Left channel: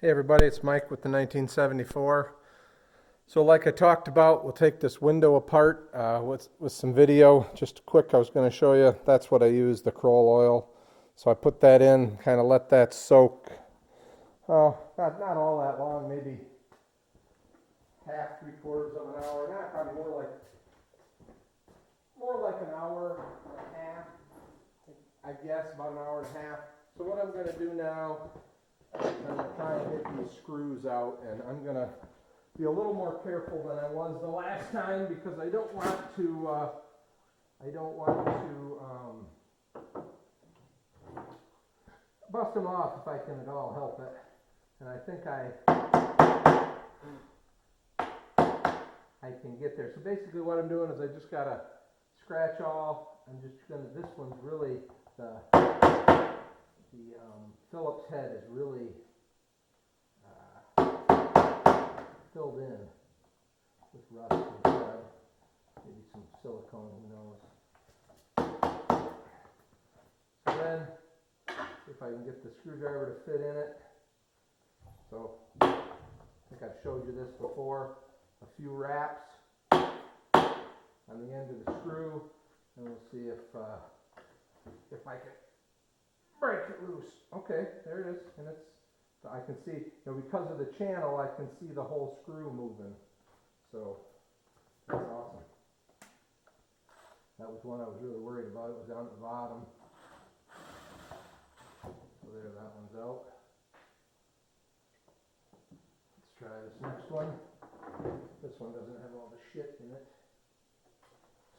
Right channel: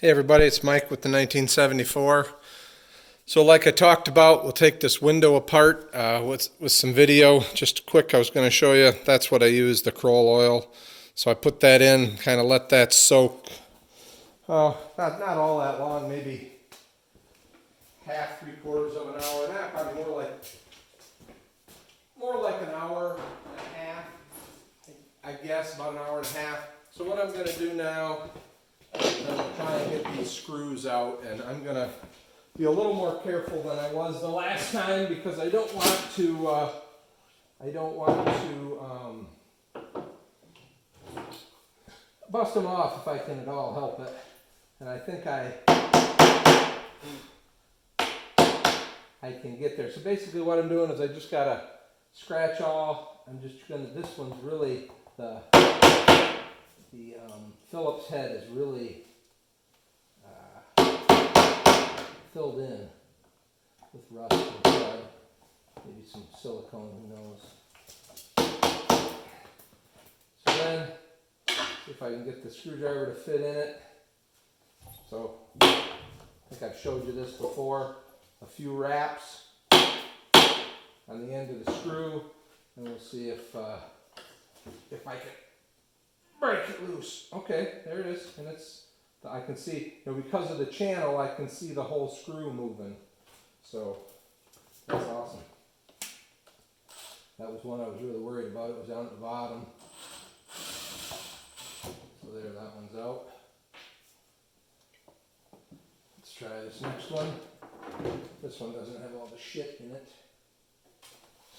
Hey everybody, it's Mike with the 1974. So like I talked about, we'll take this window apart with some video. Just quick, I was going to show you, that's what I use, the Kroll oil. So I put that in, kind of let that soak. Not all that long, maybe half, 3/4 of an hour. Not probably more like an hour and a half. I guess about an hour and a half. So what I'm going to do now, I'm going to try and get these screws out, and I'm going to be a little more careful than I was the last time because I don't want to bust them off if I can at all help it. And I think I can get there. So basically what I'm doing is I just got to scratch all. I'm just going to, this one's really, the Phillips head is really filled in with rust and blood. Maybe some silicone, who knows. So then, see if I can get the screwdriver to fit in it. So, I think I've showed you this before. A few wraps on the end of the screw, and we'll see if I can break it loose. Okay, there it is, and I can see, because of the channel, I can see the whole screw moving. So, that's awesome. That was one I was really worried about. It was down at the bottom. So there, that one's out. Let's try this next one. This one doesn't have all the shit in it.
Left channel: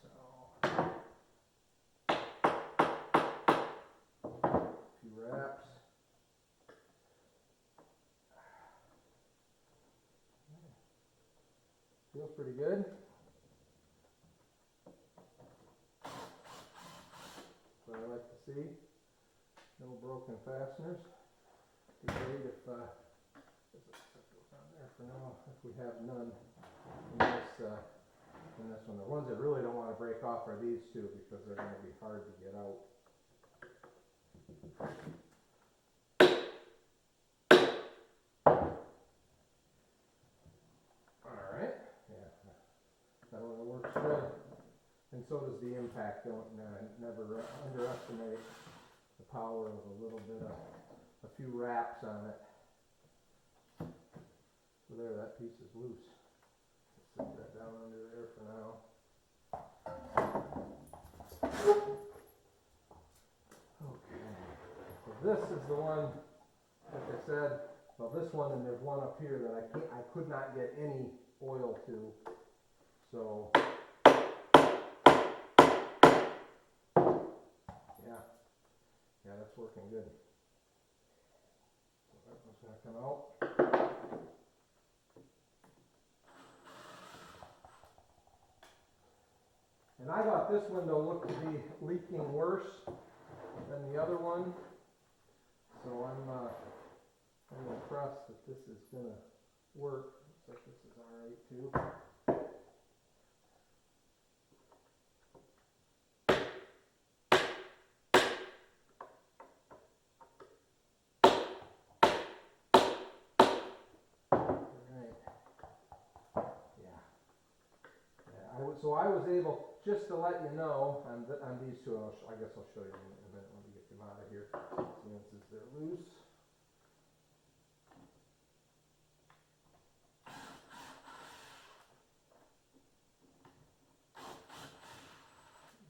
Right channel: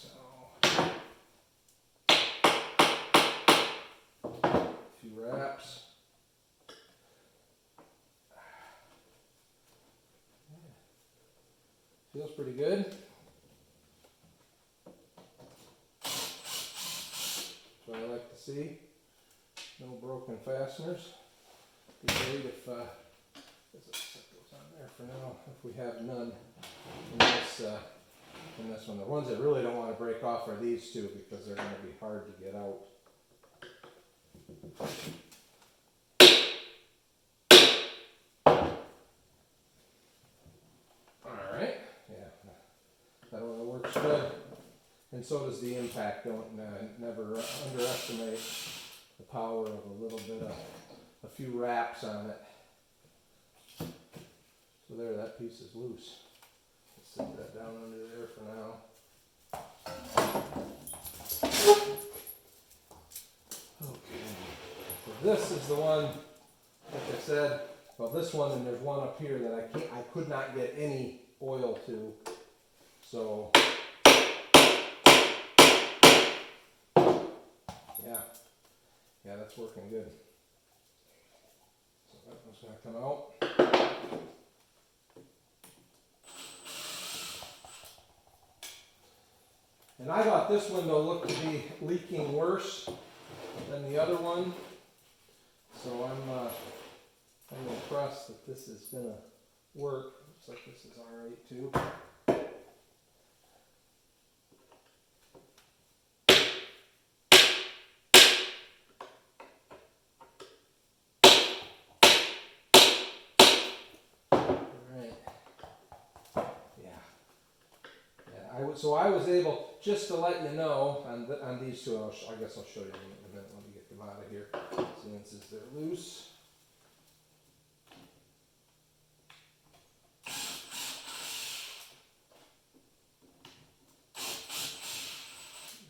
So, a few wraps. Feels pretty good. That's what I like to see. No broken fasteners. Be great if set those on there for now. If we have none in this one. The ones that really don't want to break off are these two because they're going to be hard to get out. Alright, yeah, that one works good. And so does the impact. Don't never underestimate the power of a little bit of a few wraps on it. So there, that piece is loose. Let's set that down under there for now. Okay, so this is the one, like I said, well this one, and there's one up here that I could not get any oil to. So yeah, that's working good. So that one's going to come out. And I thought this window looked to be leaking worse than the other one. So I'm impressed that this is going to work. Looks like this is alright too. So I was able, just to let you know, on these two, I guess I'll show you in a minute. Let me get them out of here, since they're loose.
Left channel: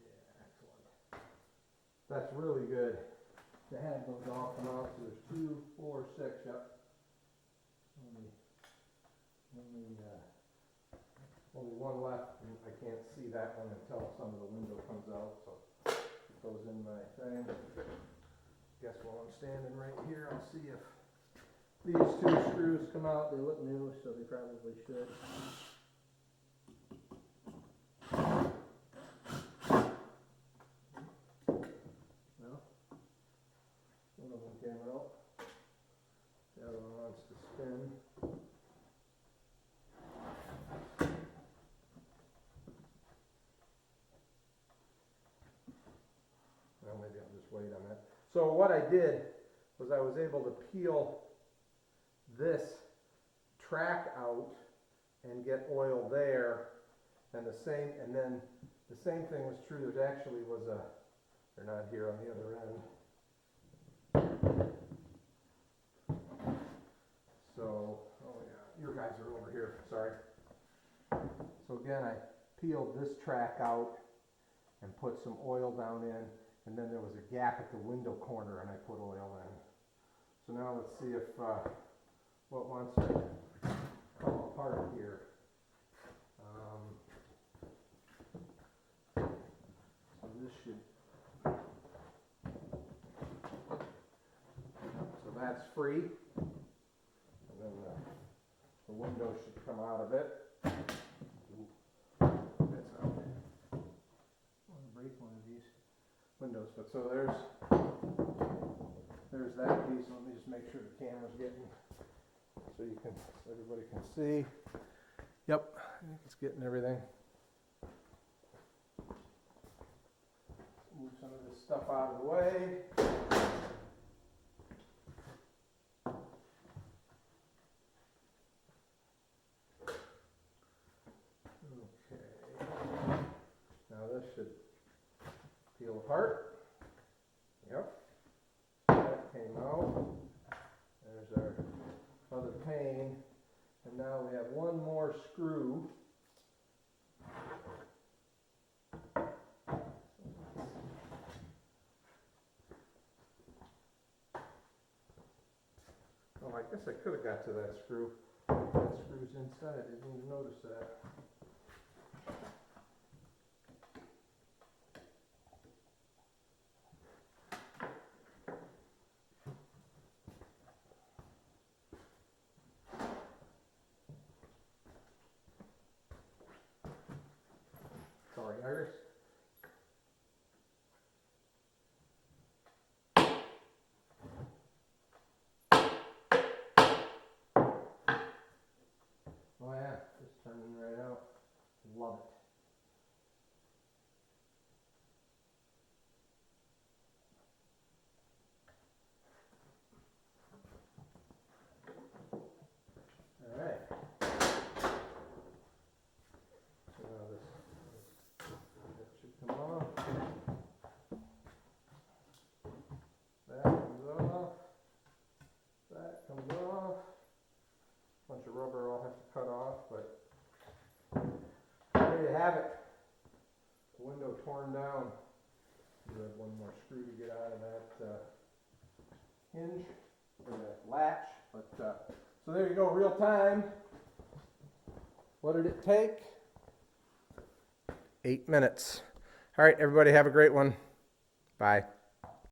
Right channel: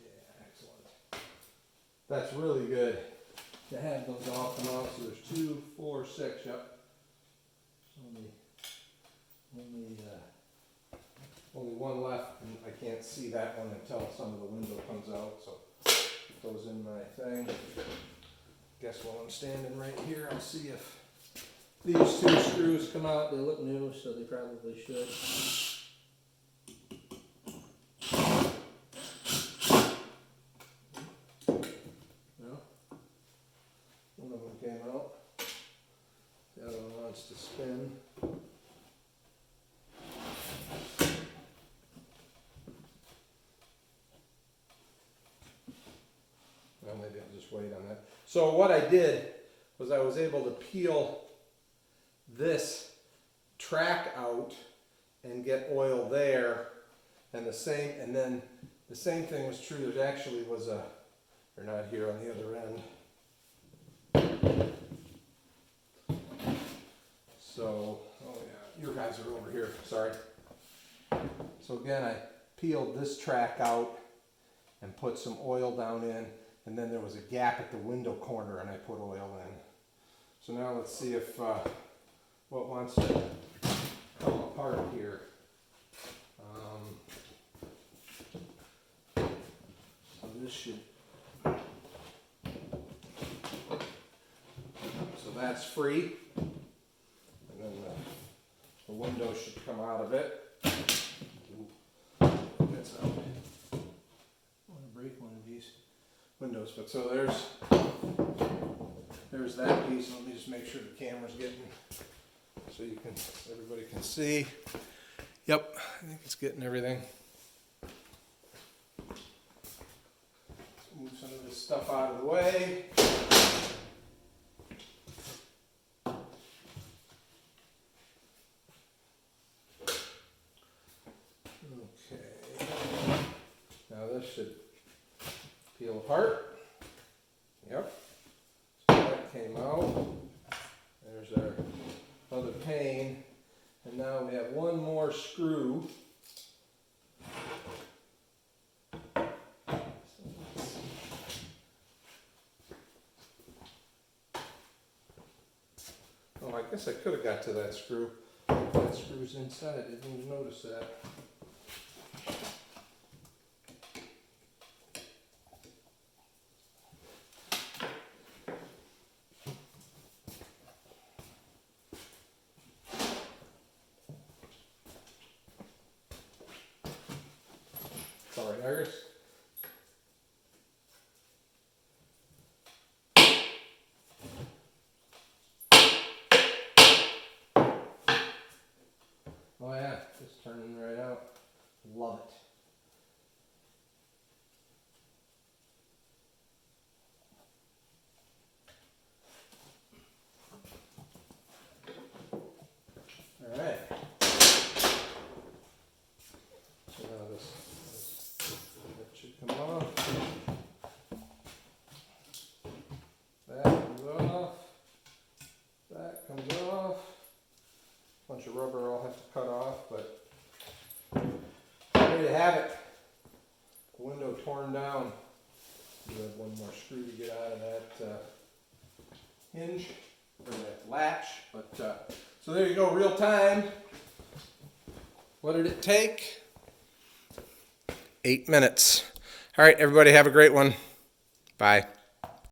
Yeah, excellent. That's really good to have those all come out. So there's 2, 4, 6, yep. Only one left, and I can't see that one until some of the window comes out, so it goes in my thing. Guess while I'm standing right here, I'll see if these two screws come out. They look new, so they probably should. No? One of them came out. The other one wants to spin. Maybe I'll just wait on that. So what I did was I was able to peel this track out and get oil there, and then the same thing was true. There actually was they're not here on the other end. So, oh yeah, your guys are over here, sorry. So again, I peeled this track out and put some oil down in, and then there was a gap at the window corner and I put oil in. So now let's see if what wants to come apart here. So this should, so that's free, and then the window should come out of it. That's out. I want to break one of these windows, but so there's that piece. Let me just make sure the camera's getting, so everybody can see. Yep, I think it's getting everything. Let's move some of this stuff out of the way. Okay. Now this should peel apart. Yep. So that came out. There's our other pane. And now we have one more screw. Oh, I guess I could have got to that screw. That screw's inside. I didn't even notice that. Sorry, Iris. Oh yeah, just turning right out. Love it. All right. So now that should come off. That comes off. That comes off. Bunch of rubber I'll have to cut off, but ready to have it. The window torn down. You have one more screw to get out of that hinge or that latch. But so there you go, real time. What did it take? 8 minutes. All right, everybody have a great one. Bye.